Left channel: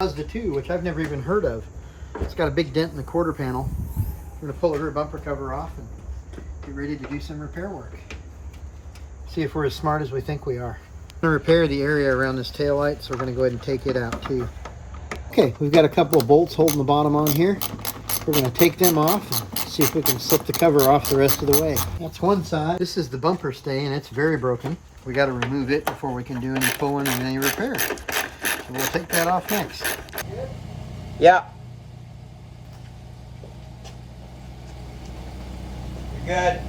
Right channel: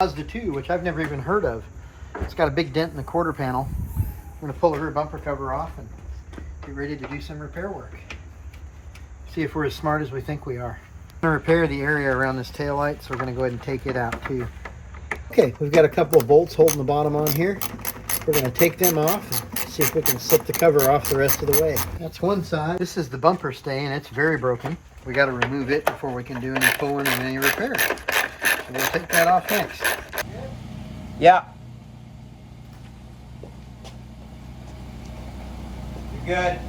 Mazda 2, which I've never even heard of. It's got a big dent in the quarter panel. I'm going to pull the rear bumper cover off and be ready to do some repair work. See if we're as smart as we think we are. I'm going to repair the area around this taillight, so we're going to go ahead and take it out too. Okay, we've got a couple of bolts holding the bottom on here. We're going to take them off and see if we can slip the cover off the rest of the way. That's one side. This is the bumper stay, and it's very broken. We got to remove it before we can do any pulling and any repair. So we'll take that off next. Yeah. You're good.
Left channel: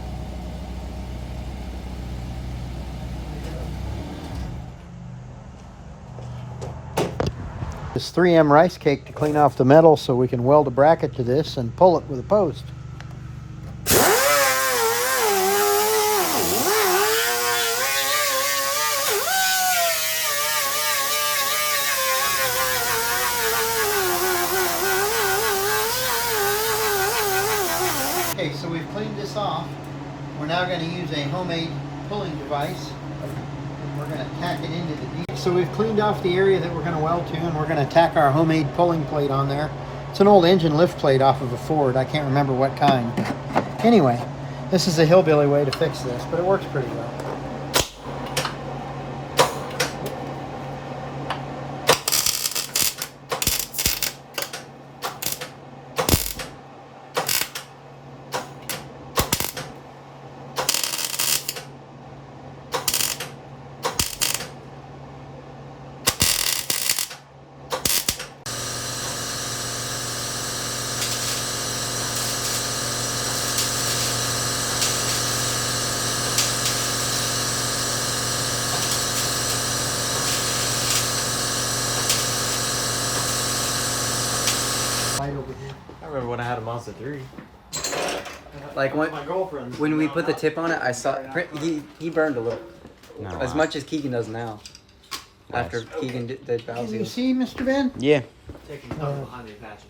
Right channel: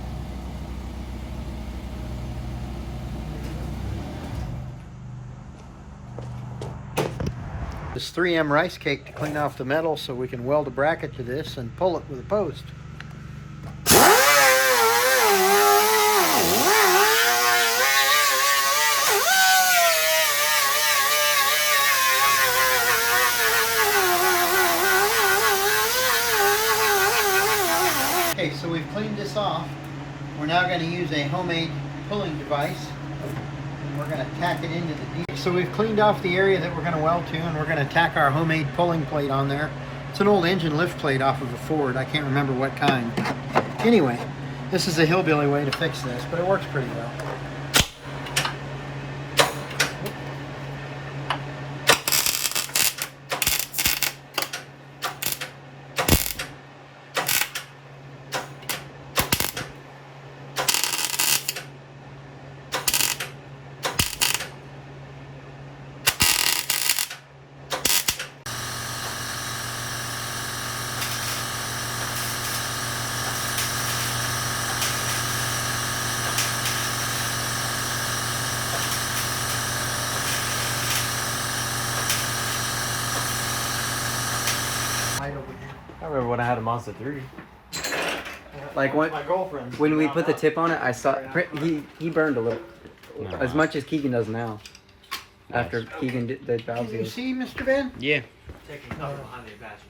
This 3M rice cake to clean off the metal so we can weld a bracket to this and pull it with a post. Okay, so we've cleaned this off. We're now going to use a homemade pulling device. We're going to tack it into the deep. So we've cleaned off the area that we're going to weld to, and we're going to tack our homemade pulling plate on there. It's an old engine lift plate off of a Ford. I can't remember what kind. Anyway, this is a hillbilly way to fix this, but it works pretty well. I remember when I had a Mazda 3. Like when My girlfriend. when we put the tip on it, I saw he burned a little, as much as Keegan does now. After Keegan did the Can you valves. see, Mr. Ben? Yeah. Taking cover behind the Apache.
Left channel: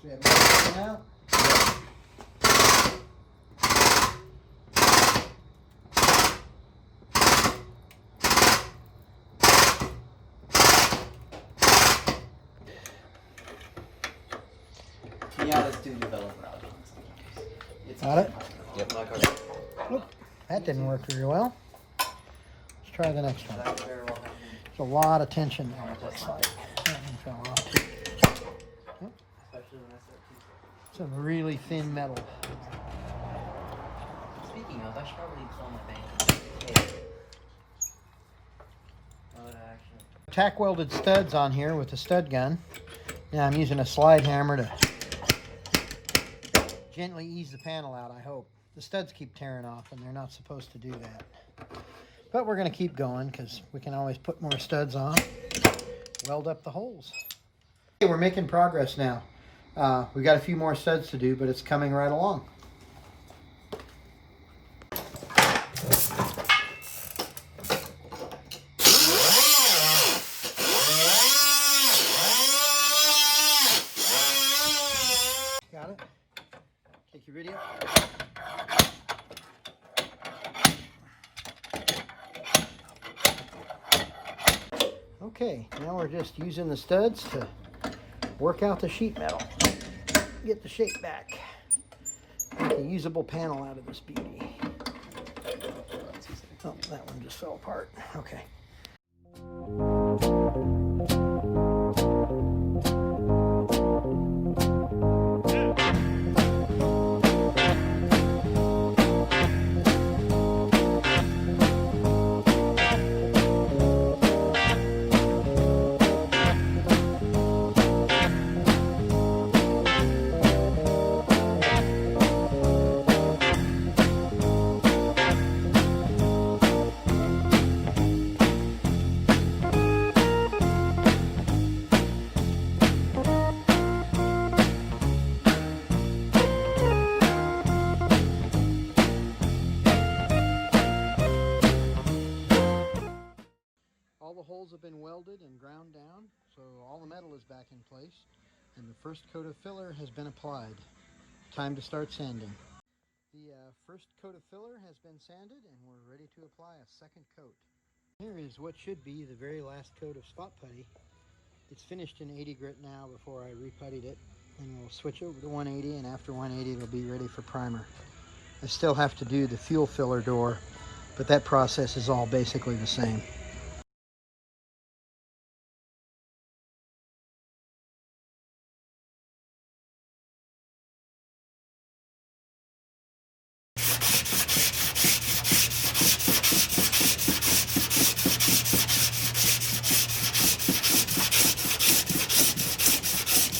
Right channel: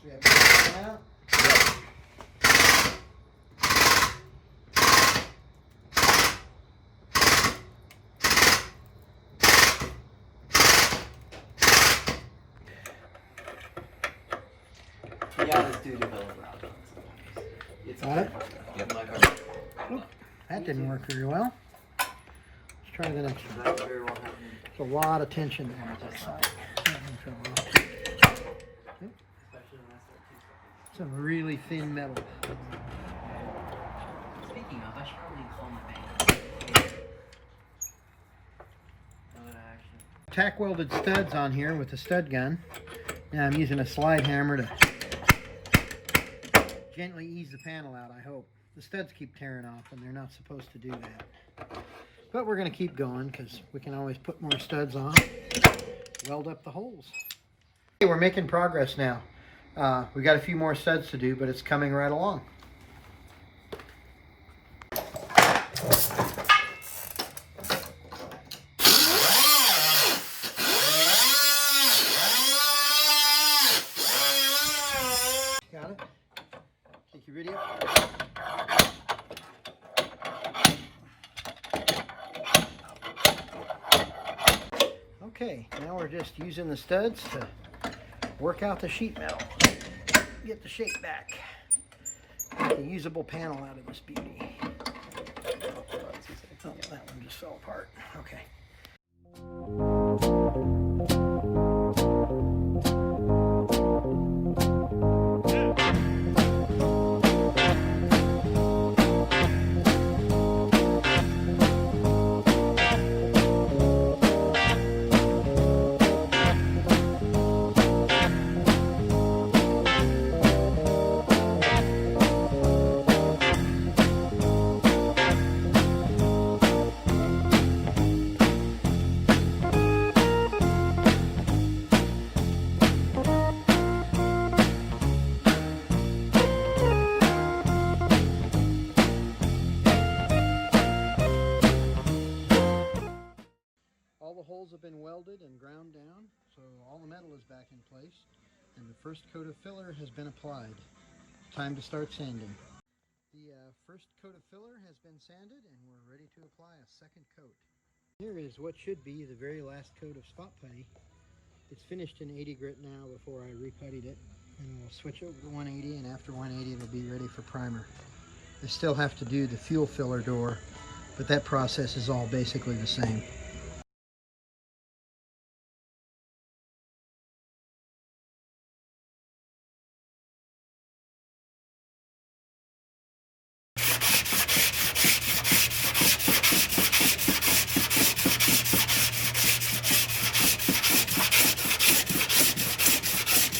See that coming out? Yeah, let's do developer outcomes sometimes. It's Got it? Yep. That didn't work very well. Let's try the next one. There's a lot of tension there, it looks like. That one fell off. Yep. Some really thin metal. Speaking of, I should probably pull my fan. Tack welded studs on here with the stud gun. Now I'm using a slide hammer to gently ease the panel out, I hope. The studs keep tearing off and they're not supposed to do that. But we're going to keep going because we can always put more studs on. Weld up the holes. Okay, we're making progress now. We got a few more studs to do, but it's coming right along. Got it? Take your video. Okay, now we're just using the studs to work out the sheet metal. Get the shape back. Make a usable panel out of this beauty. Oh, that one just fell apart. Okay. All the holes have been welded and ground down, so all the metal is back in place. And the first coat of filler has been applied. Time to start sanding. The first coat of filler has been sanded and we're ready to apply a second coat. Here is what should be the very last coat of spot putty. It's finished in 80 grit now before I reputtied it, and we'll switch over to 180, and after 180 it'll be ready for primer. I still have to do the fuel filler door, but that process is all basically the same.